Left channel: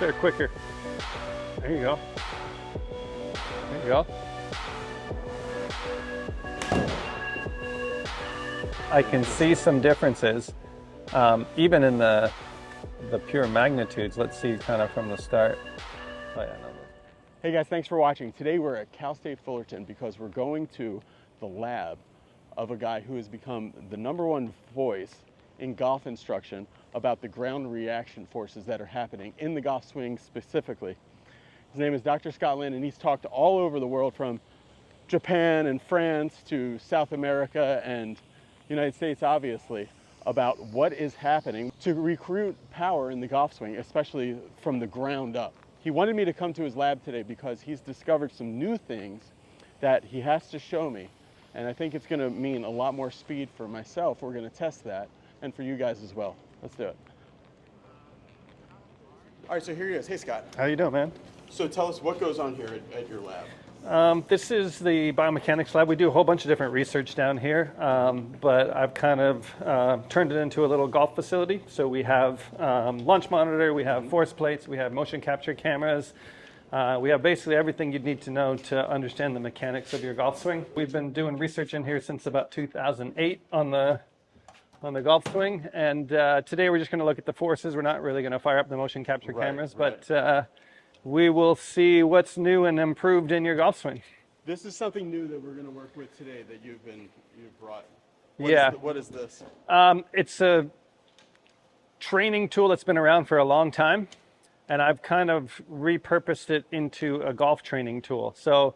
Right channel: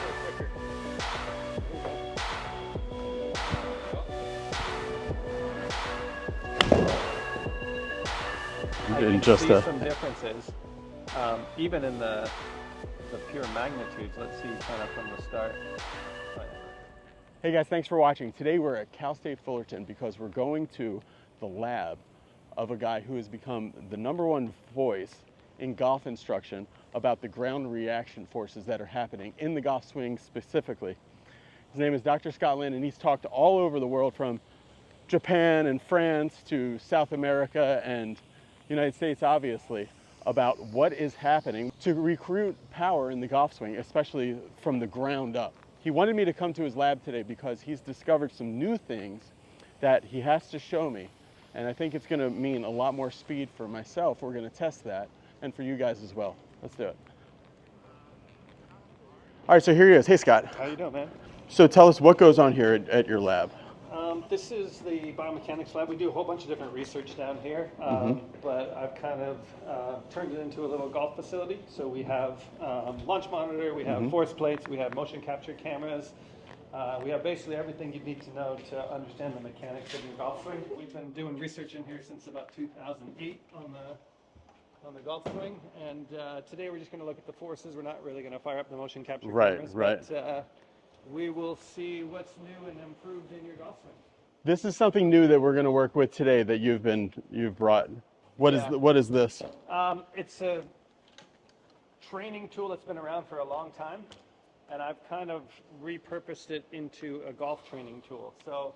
there quicker. There you go. There you go. I can see some differences, even in the pure magnitudes. Let's see kind of from the start. Oh, yeah. Hey guys, thanks for watching. Today we're at Cal State Fullerton because we're going to the lab of a guy who has become the #1 voice in golf instruction about the ground reaction forces that are happening in the golf swing specifically. His name is Dr. Scott Lynn, and he's talked all over the world, from Japan and France to South America and United States, obviously, about what is happening to recruit power in the golf swing, especially from the ground up. He wanted me to come to his lab today because he's discovered some new things that he has to show me, and I think it's going to mean a lot more speed for myself. We're going to test that, and for you guys as well. Let's do it. All right, so here he is. Hey, Scott. How you doing, man? So tell us what goes on here at your lab. This is the biomechanics lab. We do a whole bunch of different research down here, but I've kind of turned it into a little golf facility. So we have launch monitor, we have force plates, we have motion capture cameras. We have basically everything you'd need to know to understand the mechanics of your golf swing. We've been doing research in here since about 2008 on the golf swing, and today we're just going to look at the forces. We're not really going to fire up the motion capture cameras, but we will see what's new and improved in your golf swing. This is something new that we're going to work with today that you've brought. What is this? It's a training tool that's been around for a long time, and I've kind of repurposed it into a golf training tool. So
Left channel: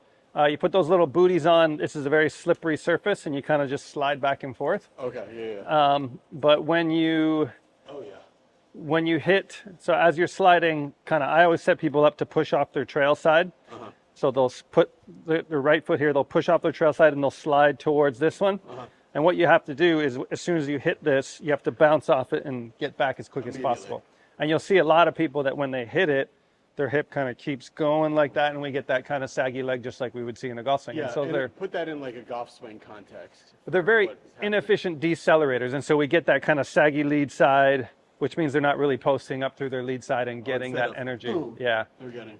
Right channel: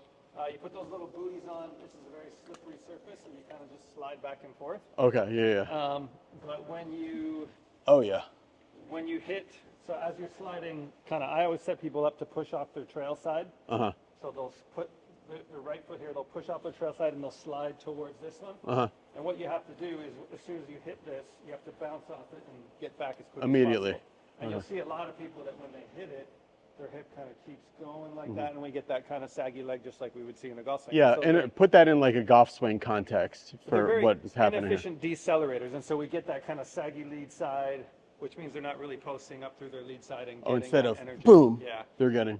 you put those little booties on. This is a very slippery surface, and you kind of just slide back and forth. Okay, yeah. But when you hit, so as you're sliding, I always set people up to push off their trail side. So they'll put their right foot here, they'll push off their trail side and they'll slide towards this one. And what you have to do is, as soon as you hit this, you have to bounce off it and get back as quick as possible. And you'll see a lot of people that when they hit it, their hip kind of keeps going like that, and we get that kind of saggy leg just like we would see in a golf swing. Yeah, so and put that in like a golf swing context. They're very inefficient decelerators, and so we get that kind of saggy lead side, which means they're not really posting up through their lead side and getting that energy. Boom, yeah, they're getting.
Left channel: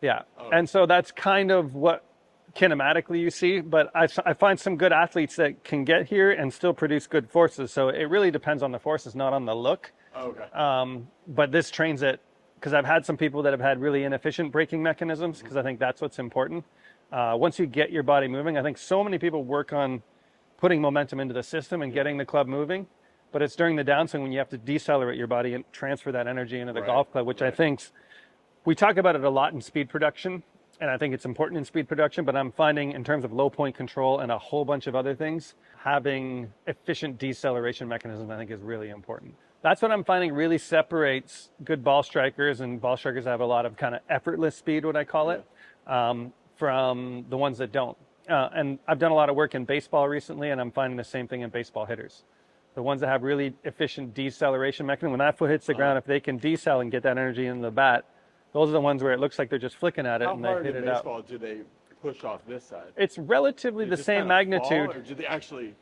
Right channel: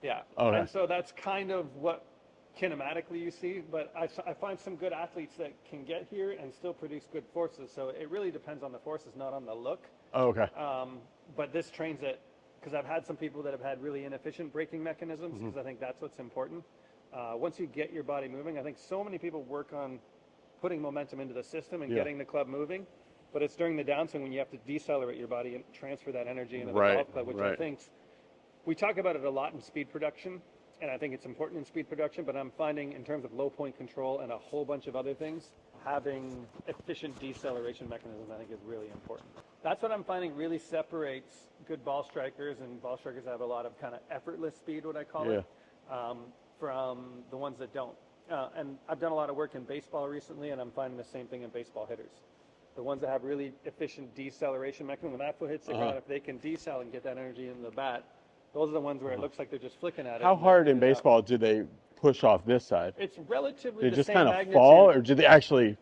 Yeah, and so that's kind of what kinematically you see, but I find some good athletes that can get here and still produce good forces. So it really depends on the forces, not on the look. But this trains it, because I've had some people that have had really inefficient braking mechanisms, because I think that's what's important. Once you get your body moving, I think so many people work on putting momentum into the system and getting the club moving, but it's during the downswing when you have to decelerate your body and transfer that energy into the golf club, which I think we talk about it a lot in speed production, and I think it's important in speed production, but I'm finding in terms of low point control and a whole bunch of other things, having efficient deceleration mechanism I think is really important. That's what I'm finding really separates good ball strikers, and ball strikers have a lot of kind of effortless speed, what I call it, from the ones that don't. And I've done a lot of work in baseball recently, and I'm finding the same thing in baseball hitters. The ones that have really efficient deceleration mechanism, when that foot hits the ground, if they can decel and get that energy into the bat, those are the ones where it looks like they're just flicking at it. How hard in baseball do they push off this side? It's relatively the same magnitude. Fall, or do they actually?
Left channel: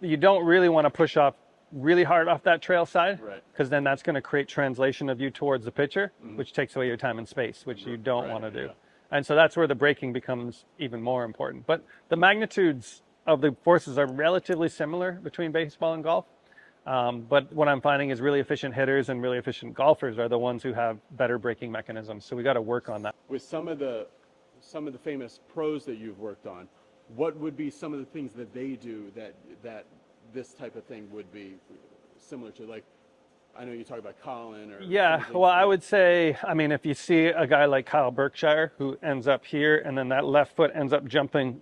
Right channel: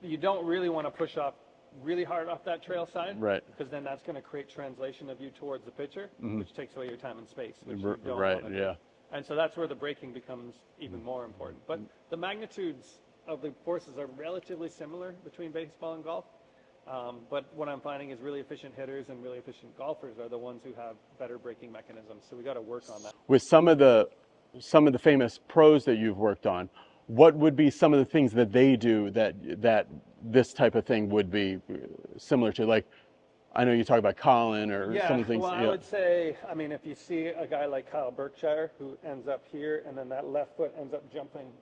You don't really want to push off really hard off that trail side, because then that's going to create translation of you towards the pitcher, which takes away your time and space, which you don't want to do. And so that's where the braking becomes even more important. But the magnitudes of the forces are relatively similar between baseball and golf. But what I'm finding is really efficient hitters and really efficient golfers are the ones who have better braking mechanisms. So we got to work on that. With some of the famous pros that you've worked on, what would be some of the things that they do that this type of thing would be similar to? Like, I know you talk about Colin or some of the things. Well, I would say, I mean, if you see a guy like Kyle Berkshire who ends up here and then that left foot ends up jumping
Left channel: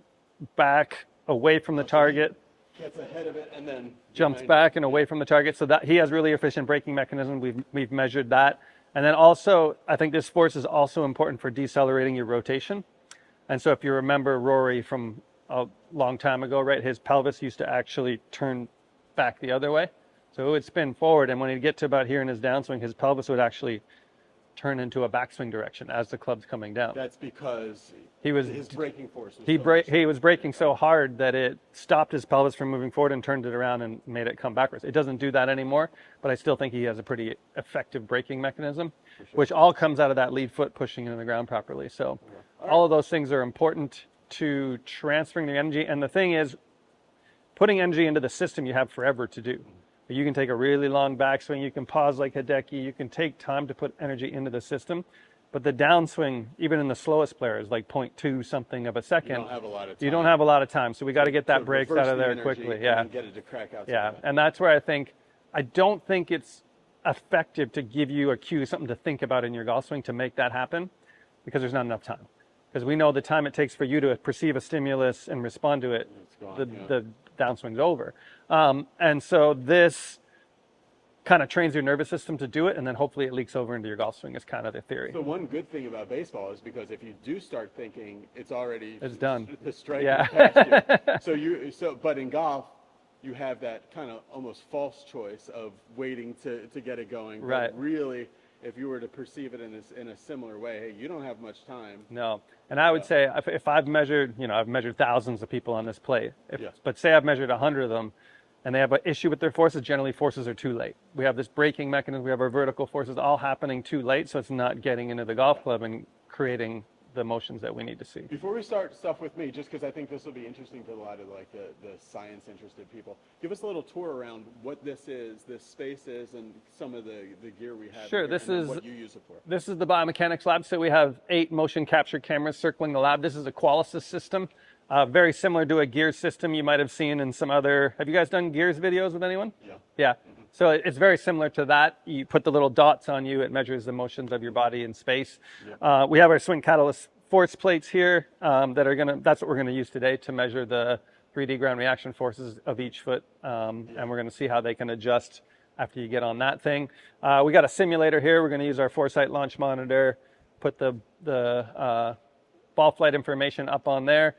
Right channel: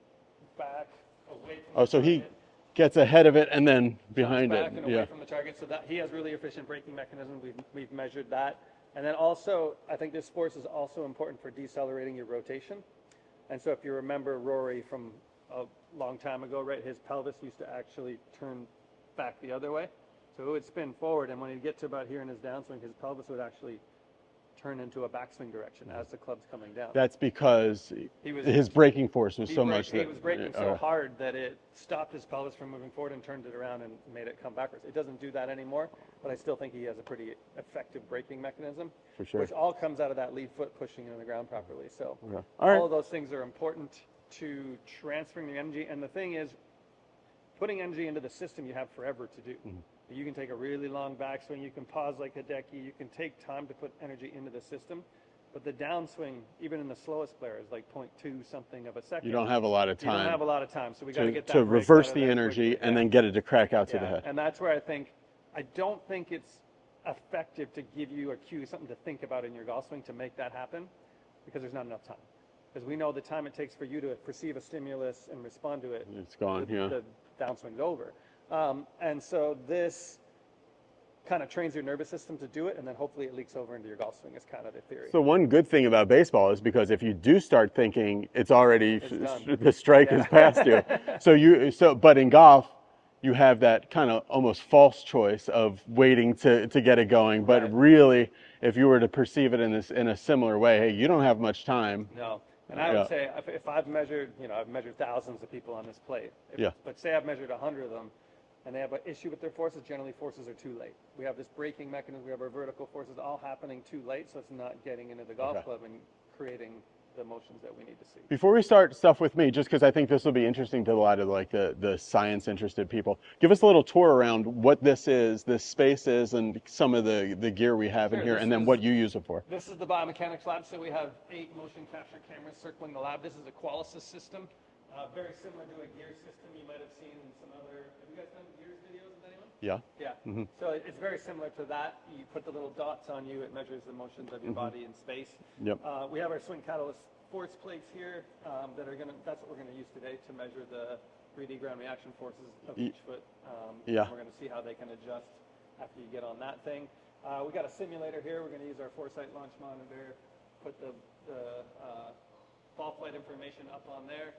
back away from the target. Gets ahead of it and then jumps back and away from the target. So that he has really efficient braking mechanism. We've measured that. And then also, I think this force is also important for decelerating your rotation. And so if you remember Rory from a long time ago, right, his pelvis used to actually turn back the other way. So it would spin forward, and when he'd get to about here in his downswing, his pelvis would actually turn into a backswing direction as the club's coming down. That's because his braking force was so much. He was braking so hard that it stopped his pelvis from moving forward and turned it around and made it come backwards. It doesn't do that anymore, but I still think he has a pretty effective braking mechanism, which all comes out of that lead foot pushing into the ground properly. So all of those things are important to transferring the energy. And the thing is, putting energy into the system you have forever to do. You can take a really long backswing, you can pause like Hideki, you can take time to put energy into the system, but the downswing, even in the slowest players, like 0.2 something of a second, you don't have a lot of time. You don't have a lot of time, so we got to get that break out of there quickly. And then get it to crack out to the head. And that's where I don't think it's effective to give you a cue, something to think about in your golf swing to make that happen, because there's not enough time. Because we know the time it takes for you to perceive a stimulus and respond to it, it's gone. The downswing's over. And so this kind of trains your nervous system to do it, and then hopefully it leaks over into your golf swing is kind of the theory. So one good thing about baseball is because if you do start thinking, it's done. The strike is past you. But in golf, you have that kind of almost false choice of waiting to get it going. But really, if you were to perceive it in a similar way, hey, you don't have much time. No. And I would say if I've measured, I've measured thousands of people on this plate. But say I've measured 100 of them, and they have an issue with their forces. Generally, forces are too late. We have this braking mechanism. We have our vertical forces all happening too late, so it's not getting into the golf club and creating the motions that we need to see. Before we start stuff with me, just because I think this will be interesting to a lot of the science interested people, give us a little tour around what this space is, and some of the gear we have in here, and then what you use it for. This is the biomechanics lab. So we have 8 motion capture cameras circling the lab. This is a Qualisys system, very similar to a Gears system you might have seen in some other. Have you guys done Gears videos with anyone? Yeah. Yeah. So it's very similar to that. You put the little dots on you. It measures the motions of your body in space. Yep. We have our swing catalyst force plates here that's what we're gonna use today to measure the 3D ground reaction forces of each foot. And we're gonna see how they can adjust after you get on that thing. We got a simulator here. We're gonna use our Foresight launch monitor, put the ball flight information up on there.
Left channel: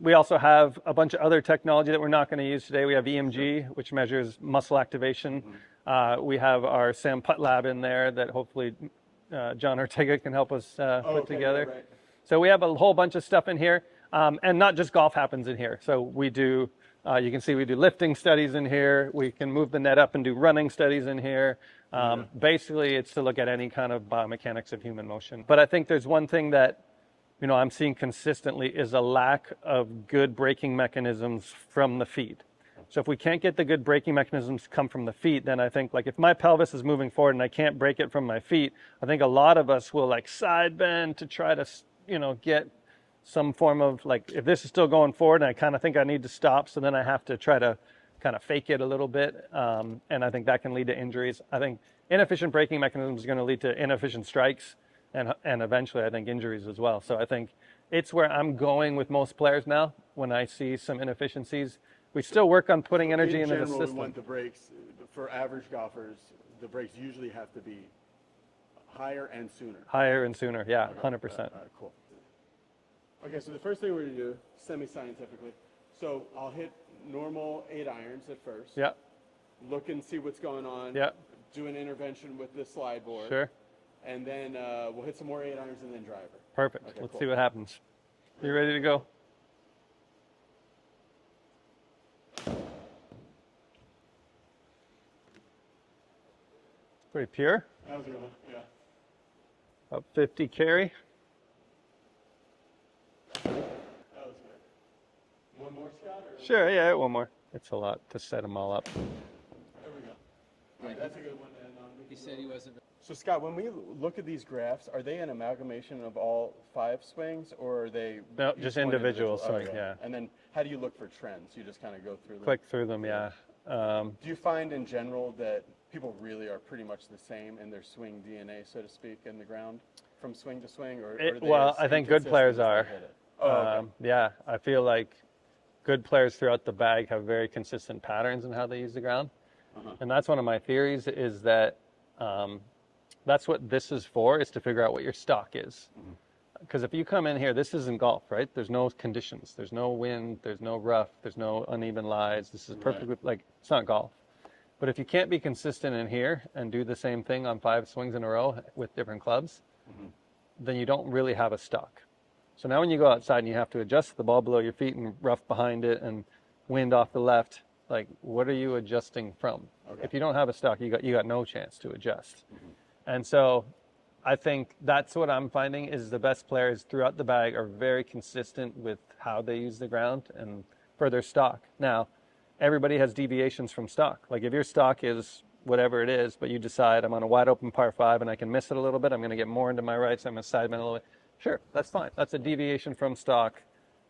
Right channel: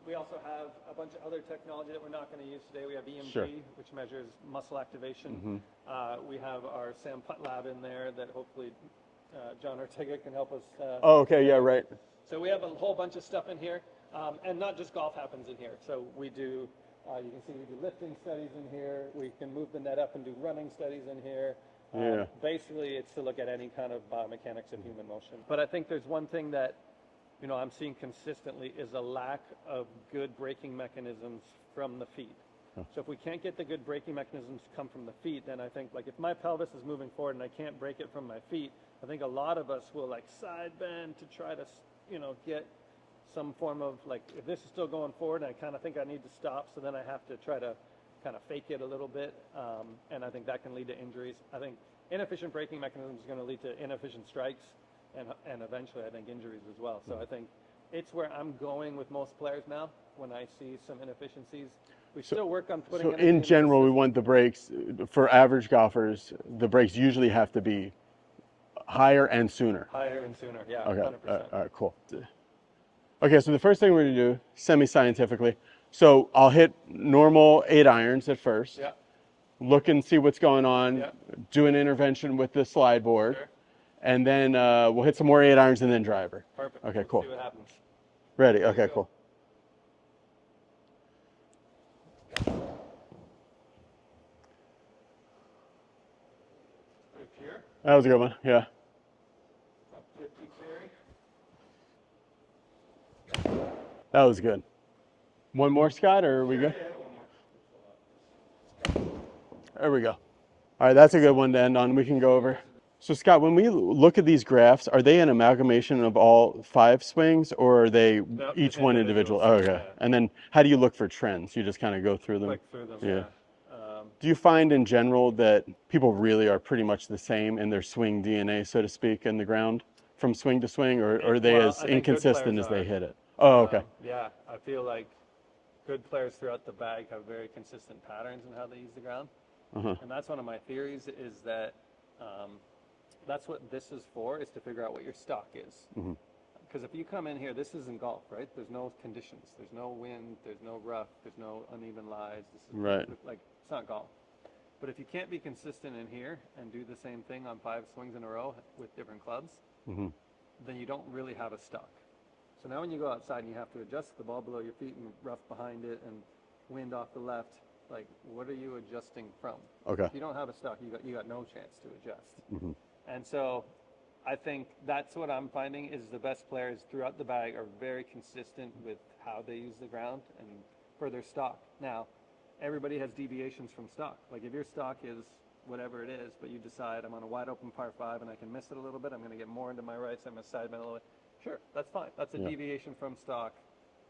We also have a bunch of other technology that we're not gonna use today. We have EMG, which measures muscle activation. We have our Sam Putt lab in there that hopefully John Ortega can help us put together. Right. So we have a whole bunch of stuff in here, and not just golf happens in here. So we do, you can see we do lifting studies in here. We can move the net up and do running studies in here. Basically, it's to look at any kind of biomechanics of human motion. But I think there's one thing that I'm seeing consistently is a lack of good braking mechanisms from the feet. So if we can't get the good braking mechanisms to come from the feet, then I think, like, if my pelvis is moving forward and I can't break it from my feet, I think a lot of us will like side bend to try to, get some form of, like, if this is still going forward and I kind of think I need to stop, so then I have to try to kind of fake it a little bit. And I think that can lead to injuries. I think inefficient braking mechanisms is going to lead to inefficient strikes and eventually I think injuries as well. So I think it's where I'm going with most players now when I see some inefficiencies. We still work on putting energy in general, the we want the brakes, for average golfers, the brakes usually have to be higher and sooner. Higher and sooner, yeah, okay. 100%. All right, cool. Okay, so the first thing we're gonna do, semi-scientifically, so I'll hit normal 8 irons at first. Yeah. Look and see what's going on. Yeah. Do an intervention with the slide board. Sure. And then we'll hit some more 8 irons and then driver. Perfect. Okay, Let's cool. see what happens. Ready to go? Cool. Pretty pure. That was a good one, yeah. About 50 carry. That was good. One more, Scott, or sure, yeah, one more. It's a lot to set them all up. There we go. All right, that's a good one to end on. We can go over. So, Scott, when we look at these graphs, are they an amalgamation of all 5 swings, or are they each one individual? Oh, okay. Yeah. And then how do you look for trends? You just kind of go through them? Click through them, yeah. Do you find in general that people really are pretty much the same in their swing DNA, so to speak, in the ground from swing to swing, or are they as inconsistent as they hit it? Oh, okay. Yeah, I feel like good players throughout the bag have very consistent patterns in how they use the ground. And that's one of my theories, is that that's what this is for, is to figure out what your stock is. Because if you come in here, this isn't golf, right? There's no conditions. There's no wind. There's no rough. There's no uneven lies. This is perfectly, like, it's not golf. But if you can't be consistent in here and do the same thing on 5 swings in a row with different clubs, then you don't really have a stock. So now when you go outside and you have to adjust the ball below your feet and rough behind it and wind off the left, like what are you adjusting from? Okay. If you don't have a stock, you got no chance to adjust. And so I think that's what I'm finding is the best players throughout the bag are very consistent with how they use the ground and for their stock. Now, everybody has deviations from stock. Like if your stock is whatever it is, but you decide I'm on a wide open par 5 and I can miss it a little bit, I'm going to get more into my right, so I'm going to side bend a little bit. Sure, that's fine. That's a deviation from stock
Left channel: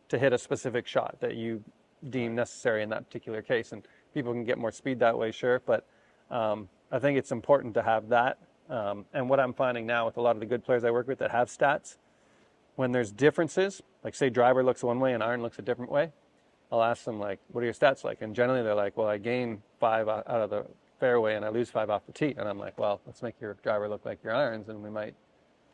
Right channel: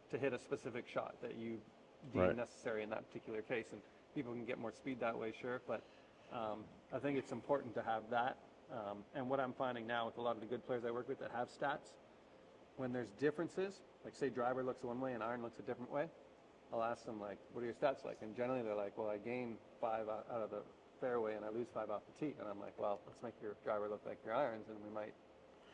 to hit a specific shot that you deem necessary in that particular case. And people can get more speed that way, sure, but I think it's important to have that. And what I'm finding now with a lot of the good players I work with that have stats, when there's differences, like say driver looks one way and iron looks a different way, I'll ask them like, what are your stats like? And generally they're like, well, I gain 5 out of the fairway and I lose 5 off the tee. And I'm like, well, let's make your driver look like your irons and we might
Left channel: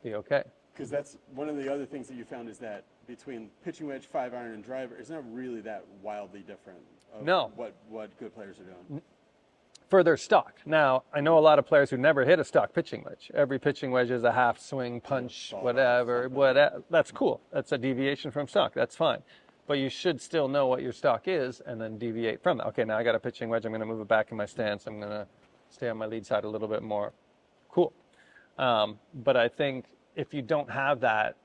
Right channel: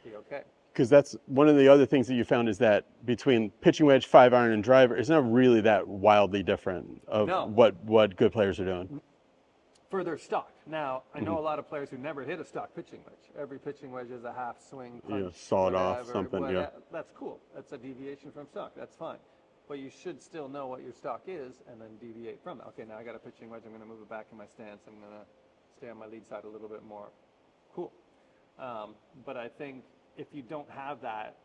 be okay. Because that's one of the other things that you found is that between pitching wedge, 5 iron, and driver, it's not really that wildly different of what good players are doing. For their stock. Now, I know a lot of players who never hit a stock pitching wedge. Every pitching wedge is a half swing, punch, whatever. That's cool. That's a deviation from stock. That's fine. But you should still know what your stock is and then deviate from that. Okay, now I got a pitching wedge. I'm going to move it back in my stance. I'm going to stay on my lead side a little bit more. Cool. But I think if you don't have that,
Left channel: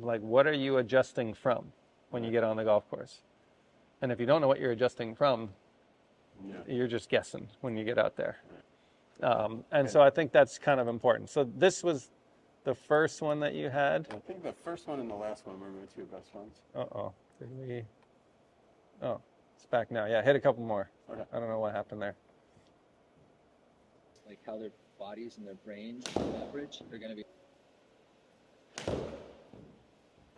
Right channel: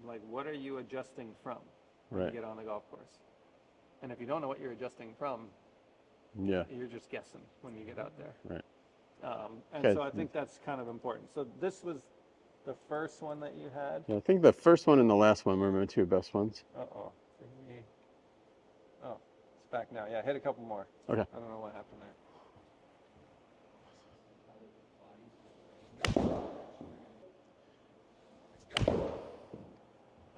like what are you adjusting from when you get on the golf course? And if you don't know what you're adjusting from, you're just guessing when you get out there. And so I think that's kind of important. So this was the first one that you had. I think the first one and the last one were my 2 best ones. Oh, it's back now. Yeah, hit a couple more. Okay. I don't know what happened there. Like how their bodies and their brains average are going to be.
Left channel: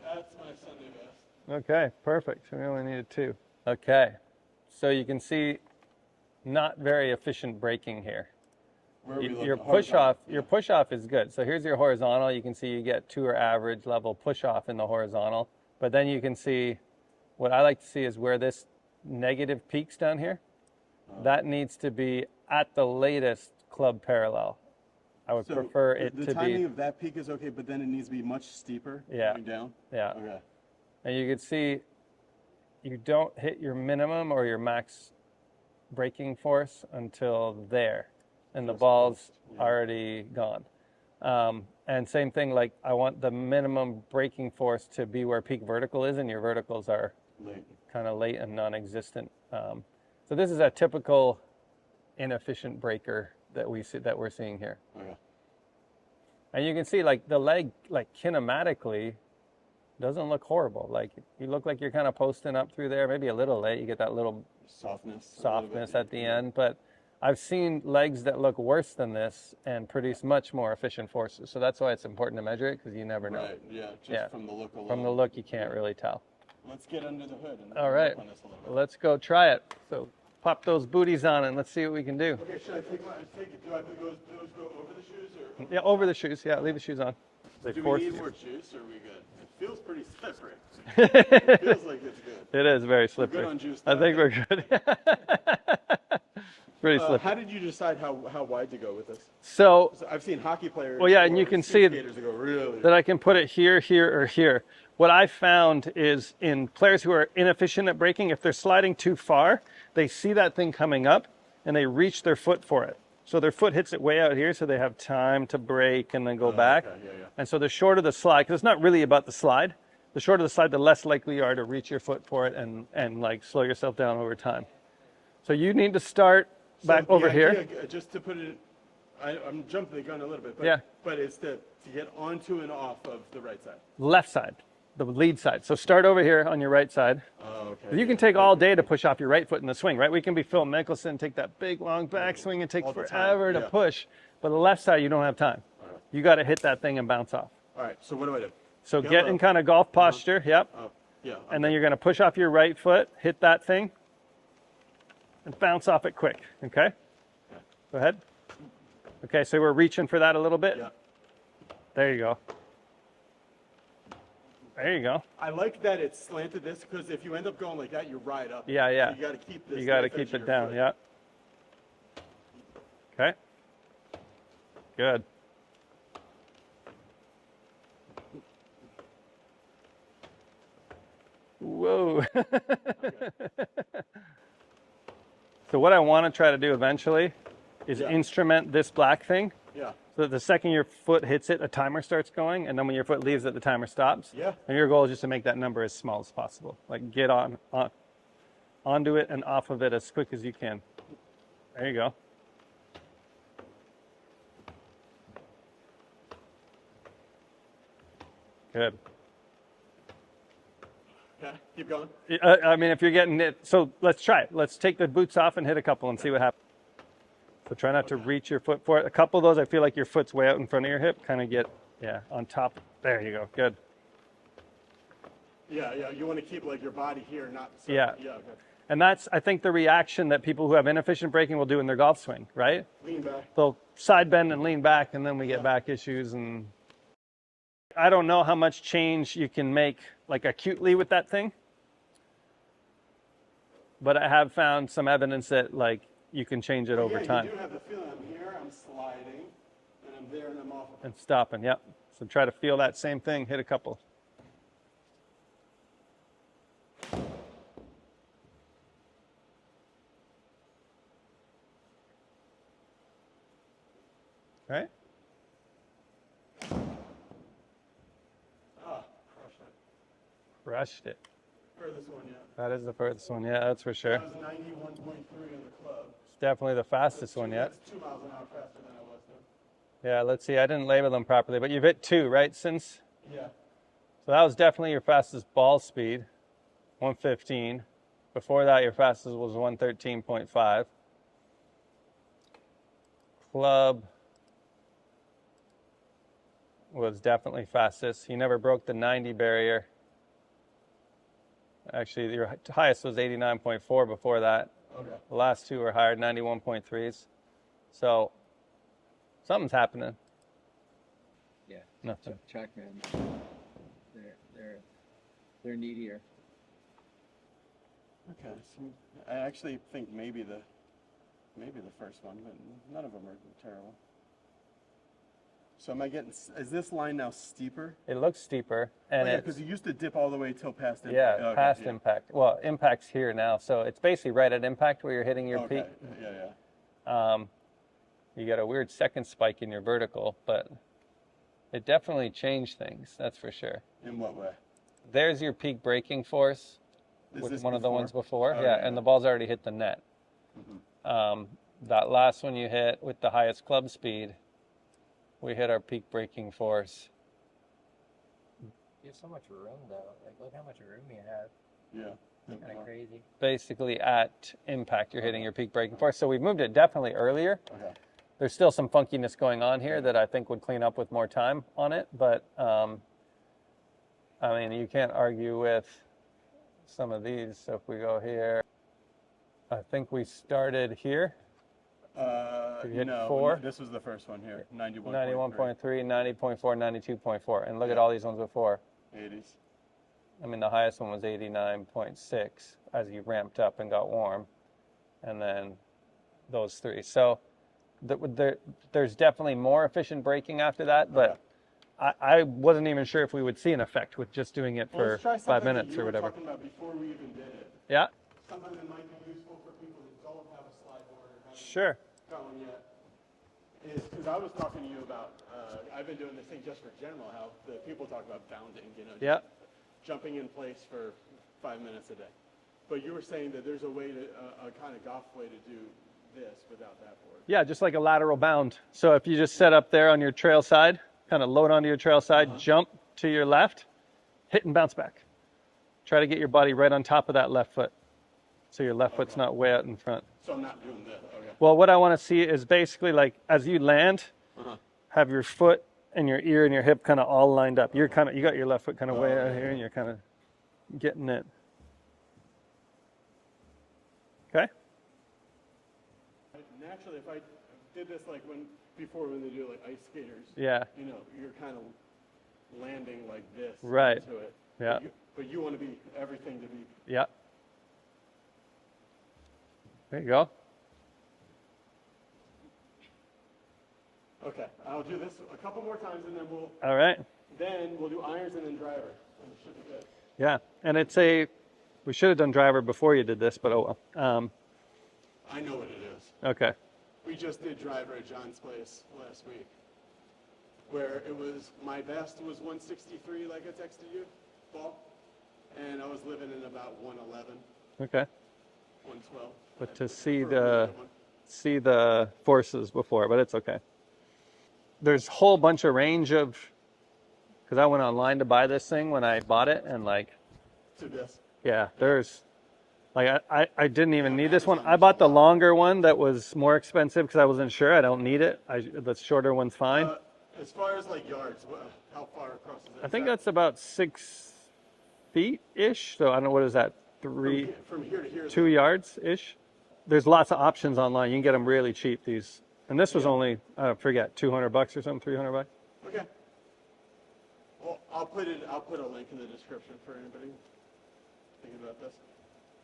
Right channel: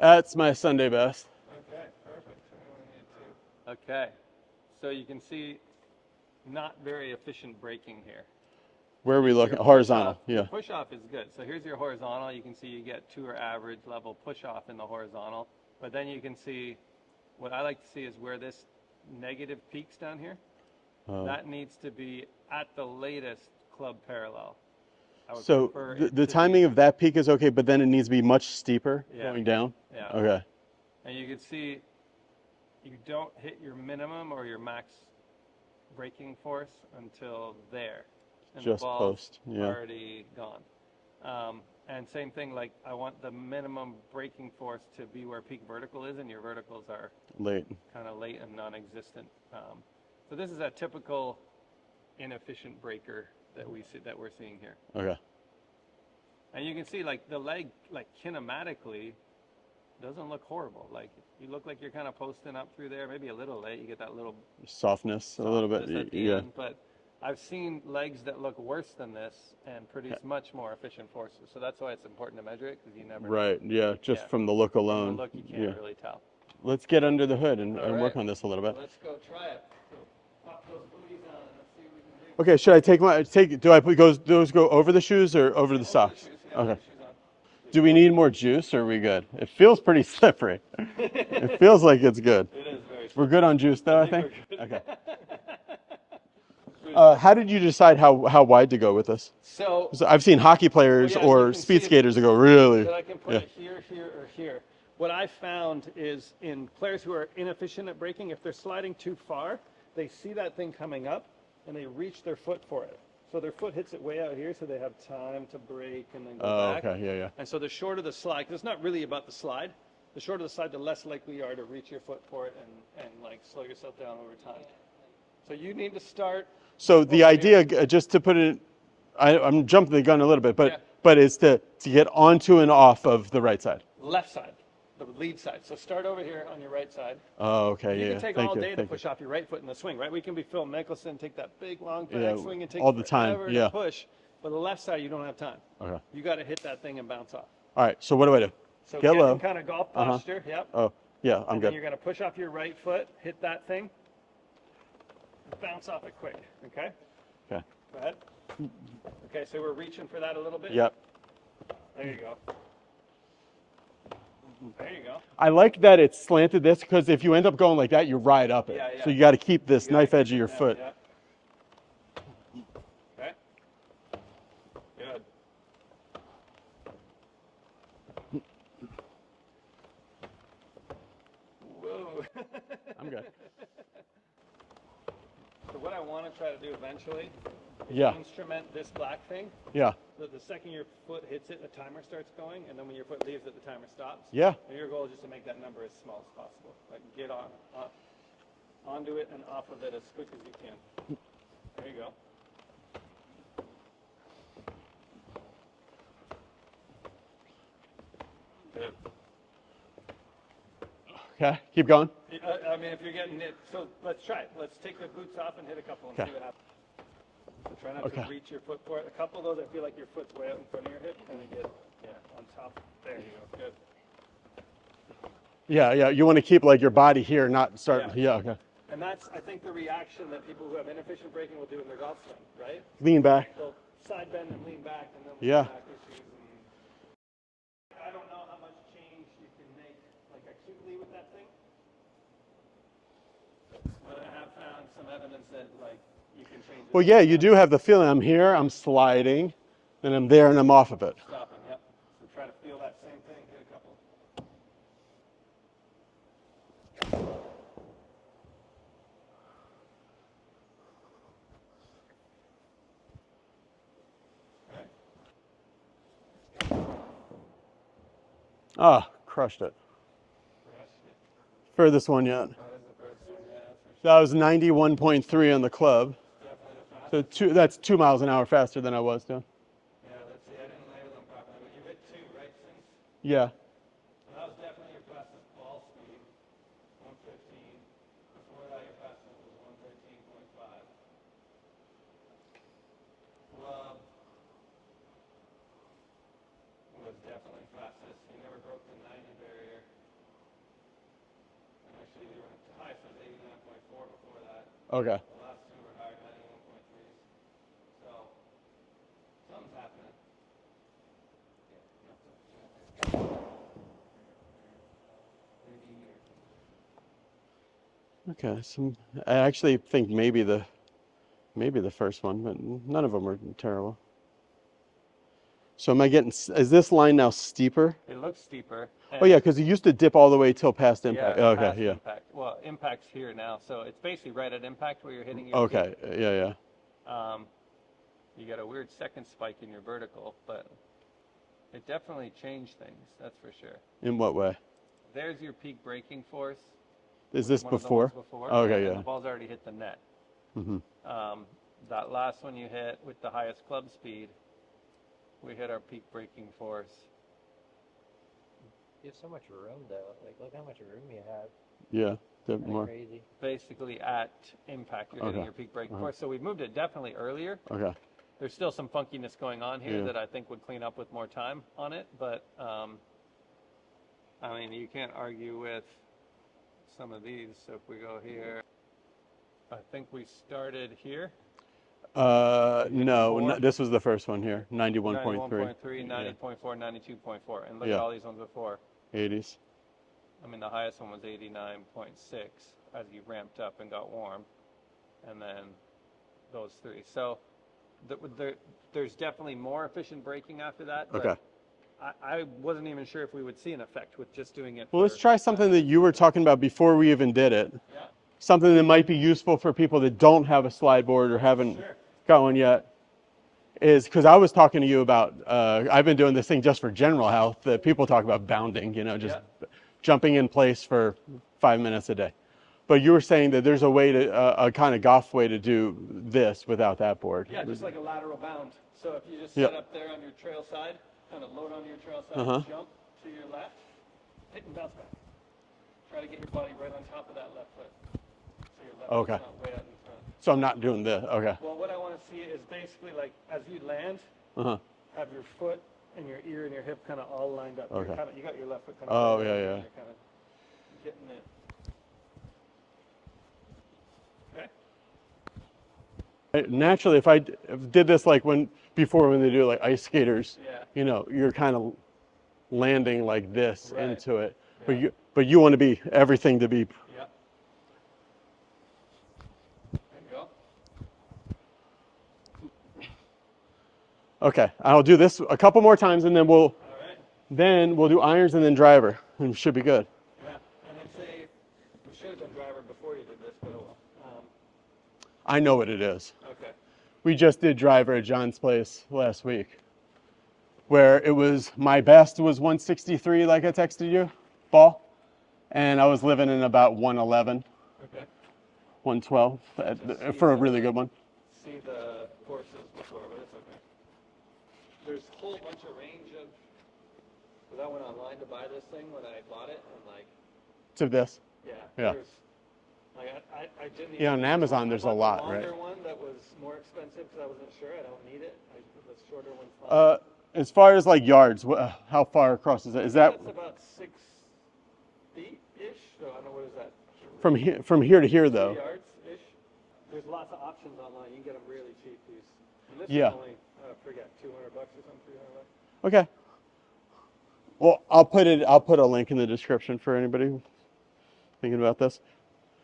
That's my Sunday best. Okay, perfect. We only needed 2. Okay, so you can see not very efficient braking here. Where are we looking? Horizontal. Your push off is good. So here's your horizontal. You can see you get tour average level push off in the horizontal. But then you can see what I like to see is where this negative peaks down here. That needs to be at the latest club parallel. I would prefer it the timing of that peak is okay, but then it needs to be much steeper going down? Yeah. Okay. And you can see you don't hit your minimum or your max braking force until there. And Just the ball's post, already gone. And same thing, like I want the minimum braking force to be where peak vertical is, and your verticals are kind of late and non-existent. So this is a typical inefficient breaker that we're seeing here. Okay. And you can see like the leg, like kinematically, doesn't look horrible. Like you look like you're kind of posting up through there, maybe a little late. You get that little softness a little bit at the end, but I've seen legs that look worse than this and produce much more efficient forces. So that's why it's important to measure it, because you never know. Right, just from the look alone. From the look, you can't really tell. Let's get under the hood and work on this a little bit. Let's go try it. So pop those booties on and let's see what we can do. Okay, should I do I put those go over the shoes or over the socks? Over the shoes, leave the shoes on. Do we need more juice or are we good? It feels pretty slippery. It feels like it's good. It is very slippery. We're good on juice though, I think we're good. Okay. How did you decide how wide to go with this? So I've seen hockey players or speed skaters that go really. That I can put it here, here, or here. What I found is in players who are inefficient at braking, if they're sliding too far, they see that thing coming up and they reach their foot for it. So their foot hits it way out here, so they have time to brake and then go back. Okay, And so the shorter the slide, because it's not really about the slide, the shorter the slide, the less likely you are to reach your foot for it and like slow yourself down over time. So you need to start. So the idea, just to put it, I'm jumping the gun a little bit, but it's to get onto and off of the right side. Left side, the lead side. So start over here on your right side. Oh, okay. You can take all day to push off your right foot in the swing, right? We can be Phil Mickelson, take that big long back swing and take forever to push. But the left side, you don't have time. Okay. You got to hit that thing and bounce off. All right. So what do I do? So get in kind of golf posture. Yep. Oh, yeah. And then you're going to push off your right foot, hit that thing, and bounce off it quick. Okay. Okay. Go ahead. Okay. So we're reaching for that a little bit. Yep. There you go. There you go. I like that it's slanted this, because if you end up going like that, you ride up it. Yeah. So you got to keep this knife edge of your foot. Yep. Okay. Good. Whoa. I'm good. So what I want to try to do eventually is Yeah. instrument this black thing. Yeah. So that the second your foot hits it, a timer starts going, and then when your foot leaves it, the timer stops. Yeah. And your goal is just to make that number as small as possible. Like get onto it and off of it as quick as you can. There you go. Good. Okay. Keep going. I mean, if you're getting it, so let's try it. Let's take the boots off and hit a couple and see what happens. So try not to reach your foot for it. A couple of those, I feel like your foot's way out in front of your hip. Kind of get, on top. There you go. Good. Yeah, yeah. You want to keep like your body here, not start. Yeah. Yeah. Okay. And that's, I think, the reaction that people who have inefficient braking will do in their golf swing, right? Lean back. They'll side bend and lean back, and then we get back issues. And I don't know how much change you can make, like acutely, with that thing. But I have found some evidence that, like, you can change it. Well, yeah, you do have the feeling. I'm here, I'm sliding, then I'm there, and I'm off of it. Stopping, yep. So try to feel that same thing. Hit a couple. Right? Ah, crushed it. Crushed it. Furthest one yet. That is the furthest one, yeah, that's for sure. That was 91.3 on the club. It's definitely the fastest So one. that's 2 miles an hour faster than I was doing. Yeah, let's see. I didn't label them properly, but you've hit 2, right, since? Yeah. So that was definitely your fastest ball speed, 115. Before that, your fastest was 113.5. Club was definitely fastest. You never broke the 90 barrier. Actually, your highest was 89.4 before that. Okay. The last two were higher, 91.3s. So something's happening. Yeah. Nothing. TrackMan. They're needier. Okay. So I actually think maybe the first one, but none of them were terrible. So am I getting? Is this line now steeper? It looks steeper. Oh yeah, because it used to dip all the way till past impact. Yeah, Okay, past yeah. impact. Well, impact's here now, so it's basically right at impact where you're hitting your peak. Okay, yeah, yeah. You got a weird second spike in your vertical, but it definitely changed things. That's for sure. In what way? There's your peak braking force. Is this one before? of the ones before? Okay, yeah, and the ball's already hit the net. Mm-hmm. That last one you hit with the highest club speed, we hit our peak braking force. You have so much room, though. Like, look how much room you have. Yeah, Kind more. of crazy. Basically, at impact, you're hitting Okay. your peak braking force. So we moved it definitely earlier. Okay. There's still some funkiness going on here Yeah. that I think would clean up with more time on it. But, I mean, you can't argue with some of these. So if we go here, I think we started here. No, this was the first one here. 91.3. 91.3, 90.4, 92.4. And look at Yeah. all these ones before. 80s. I mean, the highest one was 89.6 as you ramped up and got warm. And then those three. So there's definitely more efficient braking after that. But Okay. I wasn't even sure if we would see an effect with just doing it Well, for let's try 5 something that minutes you or were whatever. talking about before we even did it. Yeah, Something that might be useful for people that don't have a slide board or haven't sure. got one yet. Is because I was talking to you about, I've been doing this thing just for general health that people talk about bounding, just jumping in place for 5 minutes a day. But you were saying that there's a way to, a kind of golf way to do this without that board. Yeah, just like a lateral bound. So if you just set up there on your trail side, kind of load onto your trail side, jump to your left, hit and bounce back. Try to get your body right on top of that left foot. So your left foot's not way out in front. So I'm not doing this, okay. Well, what I want to see is basically like as you land, have your foot and your ear and your hip kind of all lined up. You're kind of, you got your left foot kind of way out here and you're kind of getting it. Okay. Naturally, if I did this like before when they do like ice skaters, Yeah. You're kind of landing like this Right. into it. Yeah. But you want to be everything to be. Yeah. There you go. Okay, I'll do this a couple more times and then we'll All right. do irons and then driver. And it should be good. Yeah, and we should have done driver before you did this, but oh well. I know what it is. Okay. We just did driver at John's place last week, where it was, my best was 163, like I texted you, ball, and I was living in about 111, Okay. 112 see for a really good one. See the forces before, but it's okay. There's a whole bunch of range of, because I went online to buy this thing when I bought it, and like, To this. yeah, there's, like I didn't even on need this Amazon one. I there's bought a the lot, longer right? one that was more expensive because I wasn't sure. I don't need it. The shorter one's fine. As far as like yards, how far across is it? I Is think that that's about 6 feet-ish. So I don't know, what is that? from here to here, 2 though? yards-ish. There's lots of options online. You can get them really cheap, these. And this was only, I forget, $200 or something, $300. Okay. Well, I'll put a link in the description for anybody thinking about this.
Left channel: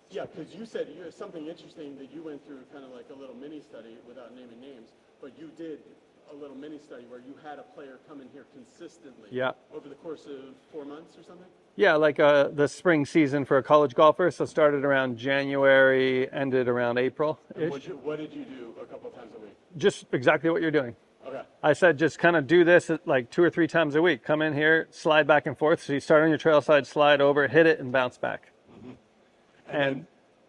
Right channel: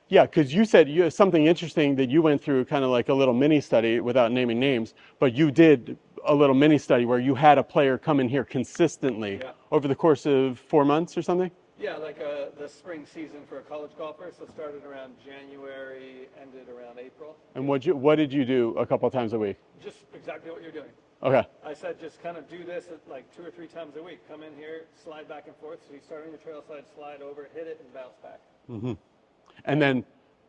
Yeah, because you said something interesting that you went through, kind of like a little mini study without naming names, but you did a little mini study where you had a player come in here consistently over the course of 4 months or something? Yeah, like the spring season for a college golfer. So started around January, ended around April. And what did you do a couple of times a week? Just exactly what you're doing. Okay. I said just kind of do this like 2 or 3 times a week. Come in here, slide back and forth. So you start on your trail side, slide over, hit it, and bounce back. Mm-hmm.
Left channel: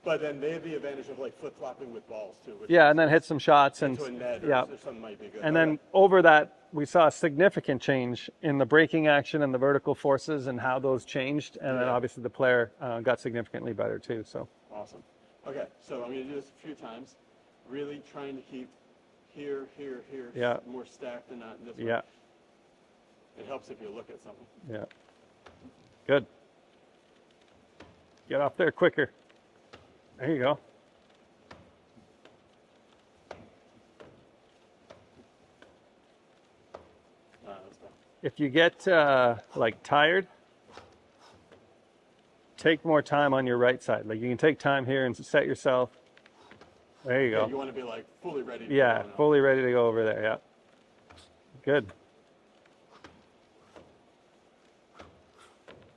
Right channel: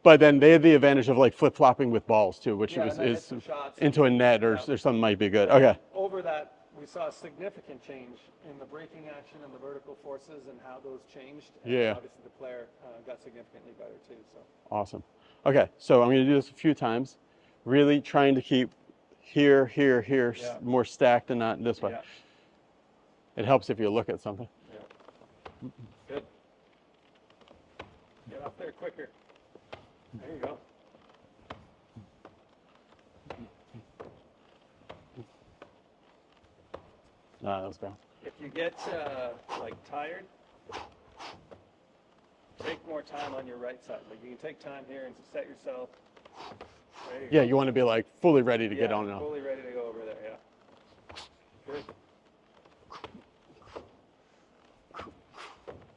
But then they had the advantage of like flip-flopping with balls too, which and then hit some shots into a net or something might be good. And then over that, we saw a significant change in the braking action and the vertical forces and how those changed. And then obviously the player got significantly better too. So awesome. Okay, so I'm going to do this a few times, really trying to keep here, more stacked and not this way. Yeah. It helps if you look at something. Yeah. Good. Get off there quicker. There you go. No, that was bad. If you get like tired, take more time on your right side. Like you can take time here and set yourself. There you go. Yeah, you want to be like fully ready to get on and on. Fully ready to go over there. Yeah. Good.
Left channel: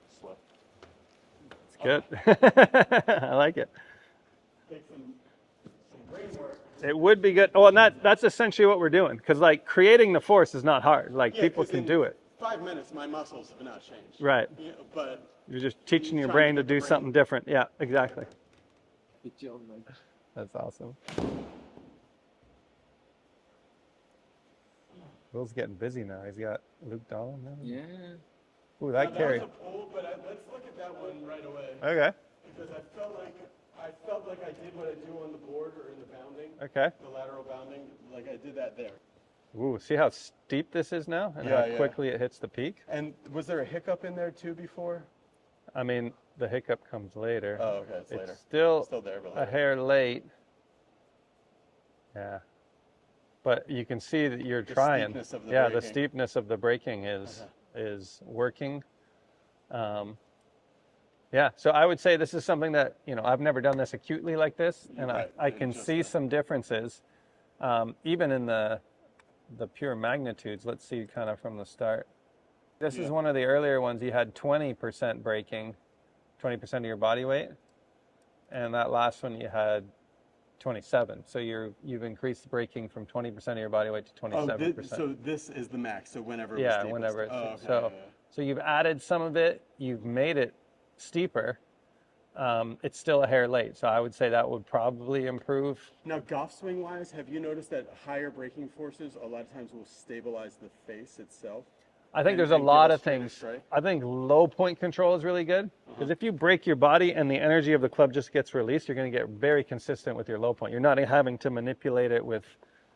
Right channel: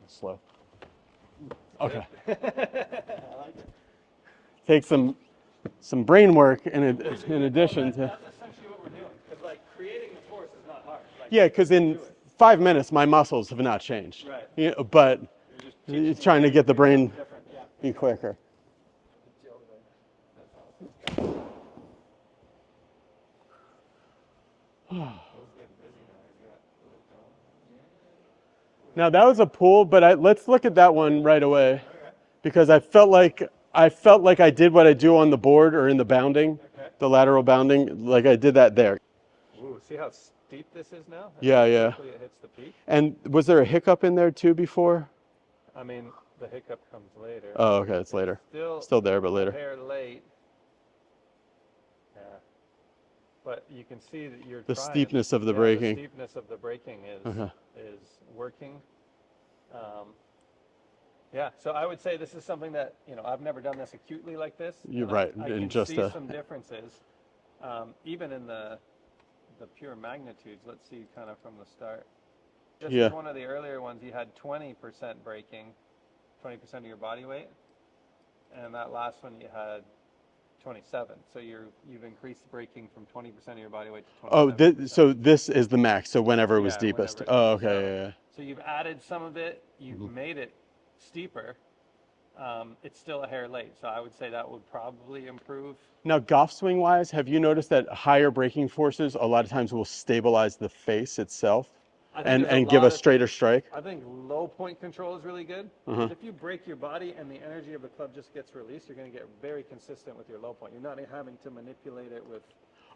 Slow. Good. I like it. Take some brain work, and it would be good. Well, and that's essentially what we're doing, because like creating the force is not hard. Like because in do it. 5 minutes, my muscles have not changed. Right. But you're just teaching your trying brain to get the do brain something different. Yeah, exactly. Quicker. That's awesome. Will's getting busy now. He's got Luke Dolan now. Yeah. Ooh, Now that was a pull, but let's look at that one right away. Okay. Because I felt like I did what I do on the board or in the bounding. Okay. The lateral bounding, like I did that there. Ooh, see how steep this is now? And yeah, how quickly it hits the peak. And was there a hiccup in there too before? I mean, the hiccup comes later. Oh, okay, it's later. Still there, but later. A hair late. Yeah. But you can see that you're trying. The steepness of the braking. The steepness of the braking is working. Yeah, so I would say this is something that, I've never done this acutely like this. You're and right. I can see some differences, even in the pure magnitudes. Let's see kind of from the start. This is one of the earlier ones. You had 20% braking, 20% of your body weight. And that last one you had 27. So you've increased the braking from 20% of your body weight to 27%. Oh, so this is the max. So whenever it was deepest. Whenever oh, okay. So you've added some of it. You've made it steeper. It's still a hair late. So I would say that would probably improve. Now, golf swing wise, have you noticed that higher braking forces a lot of times will stabilize the face itself? I think and give a straighter strike. I think low point control is really good, because if you break your body and the energy of the club just gets released, you're going to get very consistent with your low point. You're not having to manipulate it with.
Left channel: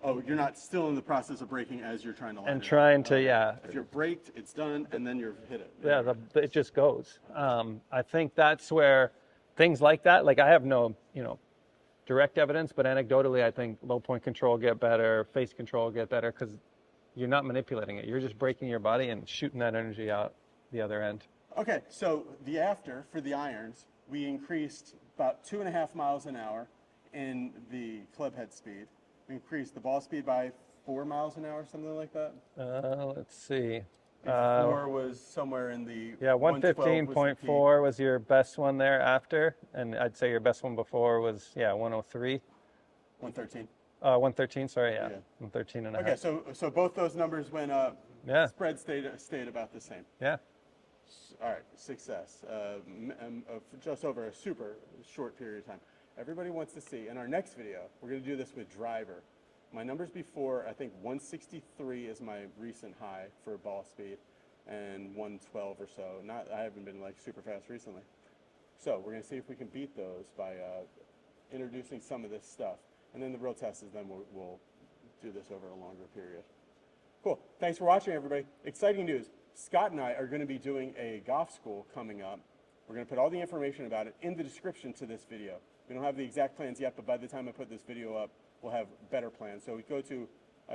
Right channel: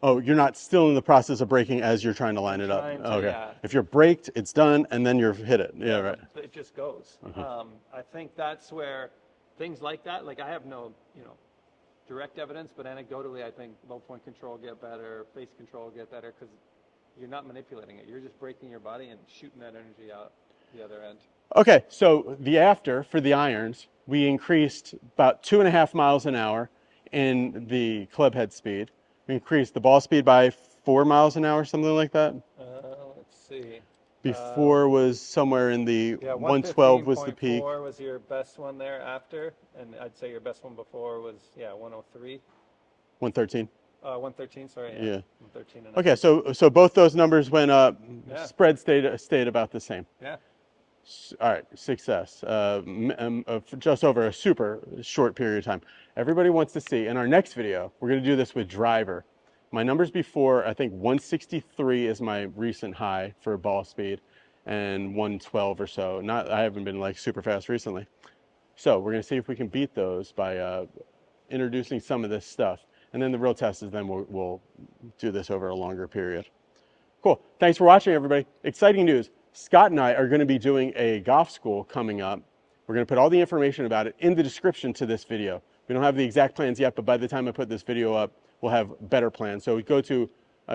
Oh, you're not still in the process of braking as you're trying to line it up. If you're braked, it's done, and then you're hit it. Yeah, right. It just goes. I think that's where things like that. Like I have no, direct evidence, but anecdotally, I think low point control will get better, face control will get better, because you're not manipulating it. You're just braking your body and shooting that energy out the other end. Okay, so for the irons, we increased about 2.5 miles an hour in the club head speed. We increased the ball speed by 4 miles an hour, something like that. Let's see. Before was somewhere in the Yeah, 112 was the peak. 115.4 was your best one there after, and I'd say your best one before was 103. 113. 113. Sorry, yeah. Yeah. 113 and Okay, so both those numbers went up. Yeah. Spread stayed about the same. Yeah. All right, success. Just over a super short period of time. Everybody wants to see. In our next video, we're going to do this with driver. My numbers before, I think 163 is my recent high for ball speed, and 112 or so. I haven't been like super fast recently. So we're going to see if we can beat those by introducing some of this stuff. And then the real test is then we'll do this over a longer period. Cool. Thanks for watching, everybody. Exciting news. Scott and I are going to be doing a golf school coming up. We're going to put all the information about it in the description to this video. We don't have the exact plans yet, but by the time I put this video up, we'll have better plans. So go to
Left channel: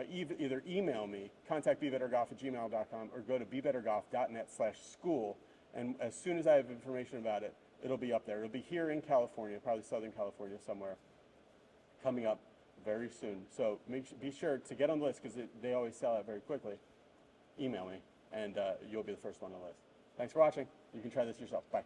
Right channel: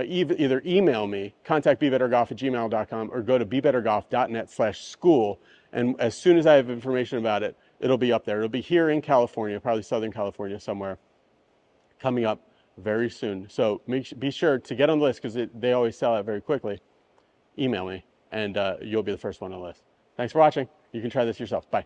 either email me, contact bebettergolf@gmail.com, or go to bebettergolf.net/school. And as soon as I have information about it, it'll be up there. It'll be here in California, probably Southern California somewhere, coming up very soon. So be sure to get on the list, because they always sell out very quickly. Email me, and you'll be the first one on the list. Thanks for watching. You can try this yourself. Bye.